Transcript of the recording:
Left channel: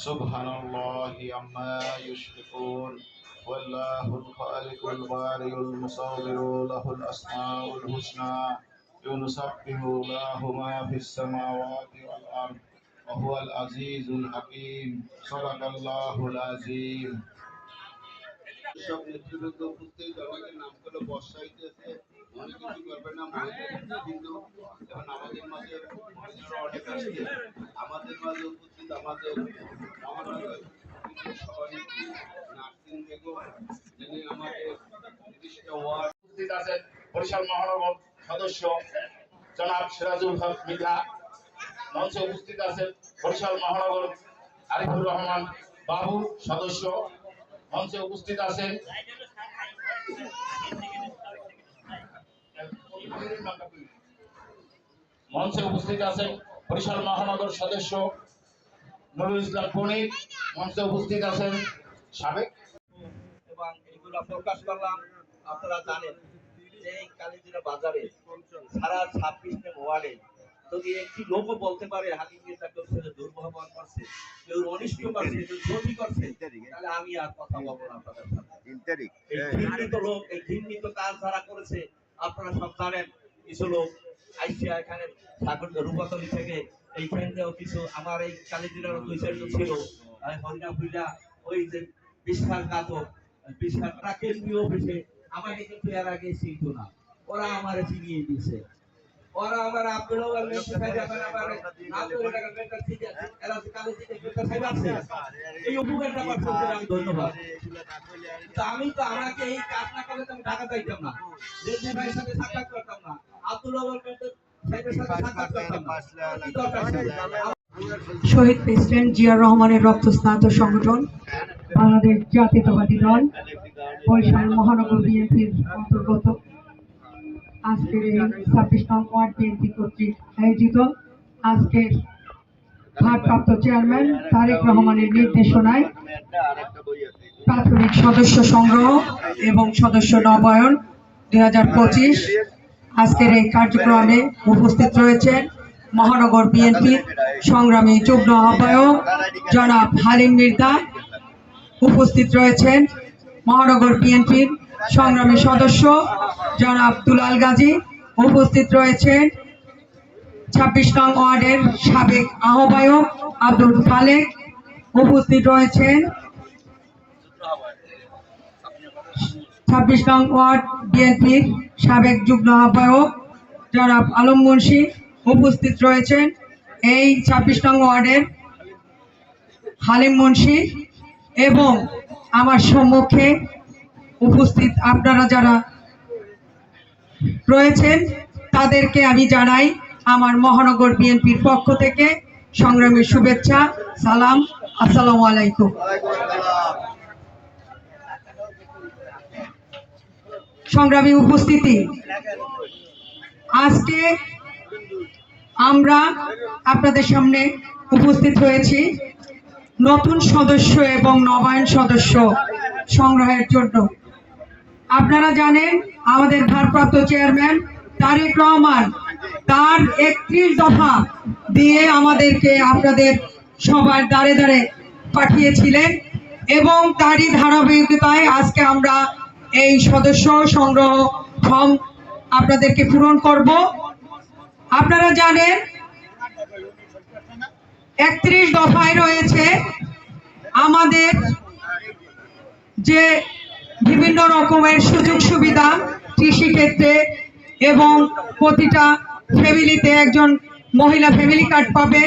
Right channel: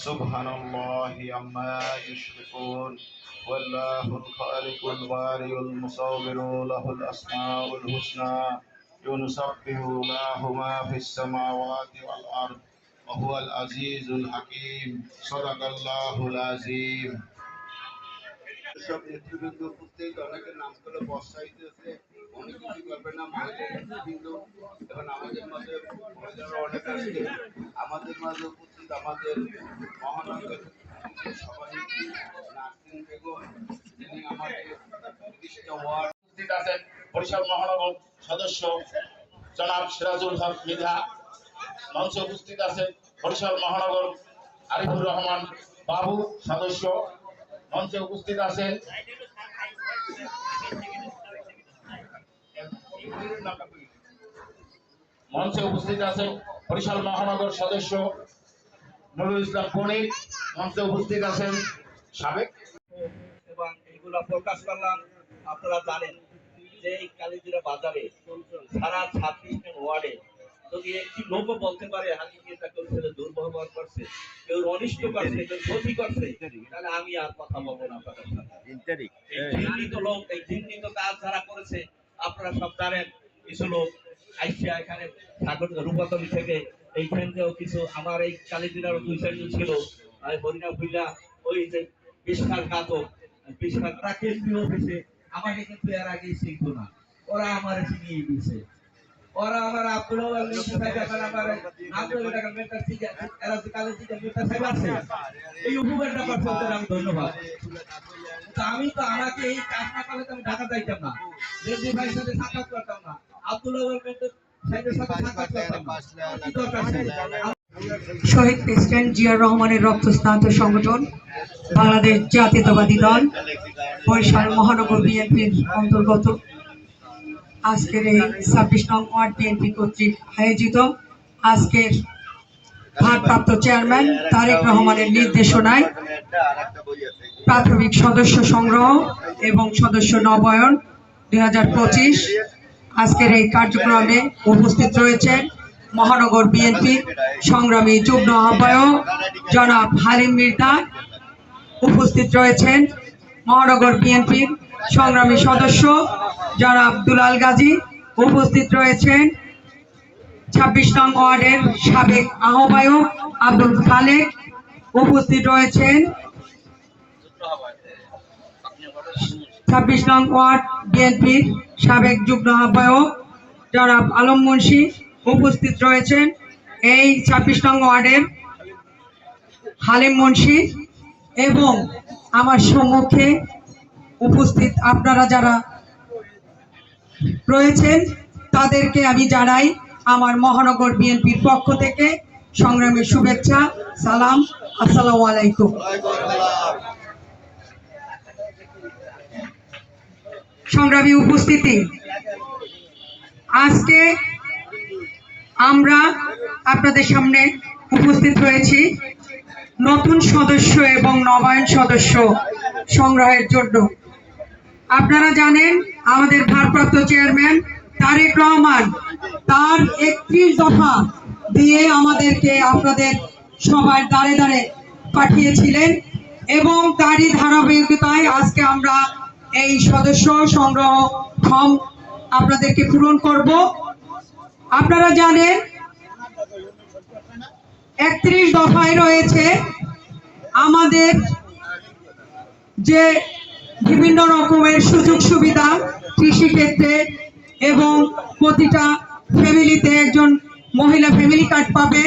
سبحان الله عما يشركون والله الخالق البارئ المصور له الأسماء الحسنى يسبح له ما في السماوات والأرض وهو العزيز الحكيم صدق الله العظيم সব নেতৃবৃন্দ উপস্থিত অনেকের নাম করে বর্ষাইতেছে অনেক কিছু করবে না নেতৃবৃন্দ এবং আমাদের মাঝে মহিলারা অনেক আসছে আমাদের মাঝে উপস্থিত আমাদের মহানগর বেগম, যিনি আমাদের তিরিশটা ওয়ার্ড উপস্থিত আছেন, বরিশাল মহানগর সদস্য জনাব সিরাজুল হক মৃধা, মঞ্চে উপস্থিত আছেন বরিশাল মহানগর আরিফুর রহমান বাবু সদস্য, মঞ্চে উপস্থিত আছেন মঞ্চে উপস্থিত আছেন বরিশাল মহানগর সদস্য নুরুল ইসলাম পনির মঞ্চে উপস্থিত আছেন সাবেক। এবং এইগুলা প্রকাশ করলাম আপনারা জানেন যে এই কালীজিরা বাজারে সারা ছাব্বিশ ওয়ার্ডে যদি একটি লোকও বলতে পারে হাকিমকে তাকে ছেলে দুর্ব্যবহার করছে কেউ অনিষ্ট করছে কেউ ক্ষতি করছে তাহলে আমি আর কথা বলব না আপনাদের সাথে এই ঘৃণিত লোক এই ঘৃণিত কাজ যারা করেছে আপনারা সব জানেন কিছু লোক আইসিয়া এখানে ঠাকুর রূপাতলি থেকে কিছু, আমার এই ফুল্লা ওই যে কেন্দ্রীয় অফিসে, আমাকে কিন্তু এর আগে না। ওরা আমার করতে আমি তো আমাকে এই কাজ না করলে ঢাকা যাইতাম না। রেডি ভাইয়ের সাথে করতাম না। আব্দুল শহীদ প্রেসিডেন্ট জিয়াউর রহমানের রক্তস্নাত সংগঠন, বাংলাদেশ জাতীয়তাবাদী দল, বরিশাল মহানগর বিএনপির অন্তর্গত। আজকের এই ছাব্বিশ নং ওয়ার্ড বিএনপি কর্তৃক আয়োজিত আজকের ভারপ্রাপ্ত চেয়ারম্যান তারেক রহমানের নির্দেশনায় প্রাথমিক সদস্য সংগ্রহ এবং সদস্য নবায়ন দুই হাজার পঁচিশ আজকের এই কার্যক্রমে উপস্থিত রয়েছেন মহানগর বিএনপি সংগ্রামী যুগ্ম আহ্বায়ক জনাব হালিম মির্দা। উপস্থিত রয়েছেন মহানগর বিএনপির সংগ্রামী সদস্য জনাব দুলাল গাজী। উপস্থিত রয়েছেন ছাব্বিশ নং ওয়ার্ডের সাবেক আহ্বায়ক আব্দুল খালেক। উপস্থিত রয়েছেন ছাব্বিশ নং ওয়ার্ড বিএনপির সাবেক যুগ্ম আহ্বায়ক জনাব আলম মুন্সি উপস্থিত রয়েছেন। এই ছাব্বিশ নং ওয়ার্ডের হালিম মুন্সি এবং আমার সম্মুখে উপস্থিত আপনারা যারা রয়েছেন, তাদেরকে আমি জানাই আমার মহানগর বিএনপির পক্ষ থেকে সংগ্রামের শুভেচ্ছা, সালাম, আসসালামু আলাইকুম। সংগ্রামী উপস্থিতি। আজকে আমরা আপনাদের সামনে উপস্থিত হয়েছি নতুন সদস্য এবং নবায়ন সদস্য সংগ্রহের জন্য। আপনারা জানেন, আমাদের ভারপ্রাপ্ত চেয়ারম্যান তারেক রহমান তার একত্রিশ দফা দিয়ে আমাদেরকে আপনাদের সবার দাঁড়ে দাঁড়ে পাঠিয়েছিলেন এবং তারই ধারাবাহিকতায় আজকে এই সদস্য সংগ্রহ ফর্ম আপনাদেরকে পূরণ করব। আপনারা জানেন, একত্রিশ দফায় রয়েছে আমাদের যে বিভিন্ন রকমের সুযোগ সুবিধা কৃষিক্ষেত্রে এবং প্রতিটা ফ্যামিলিতে একজন মহিলা ফ্যামিলি কার্ড পাবে।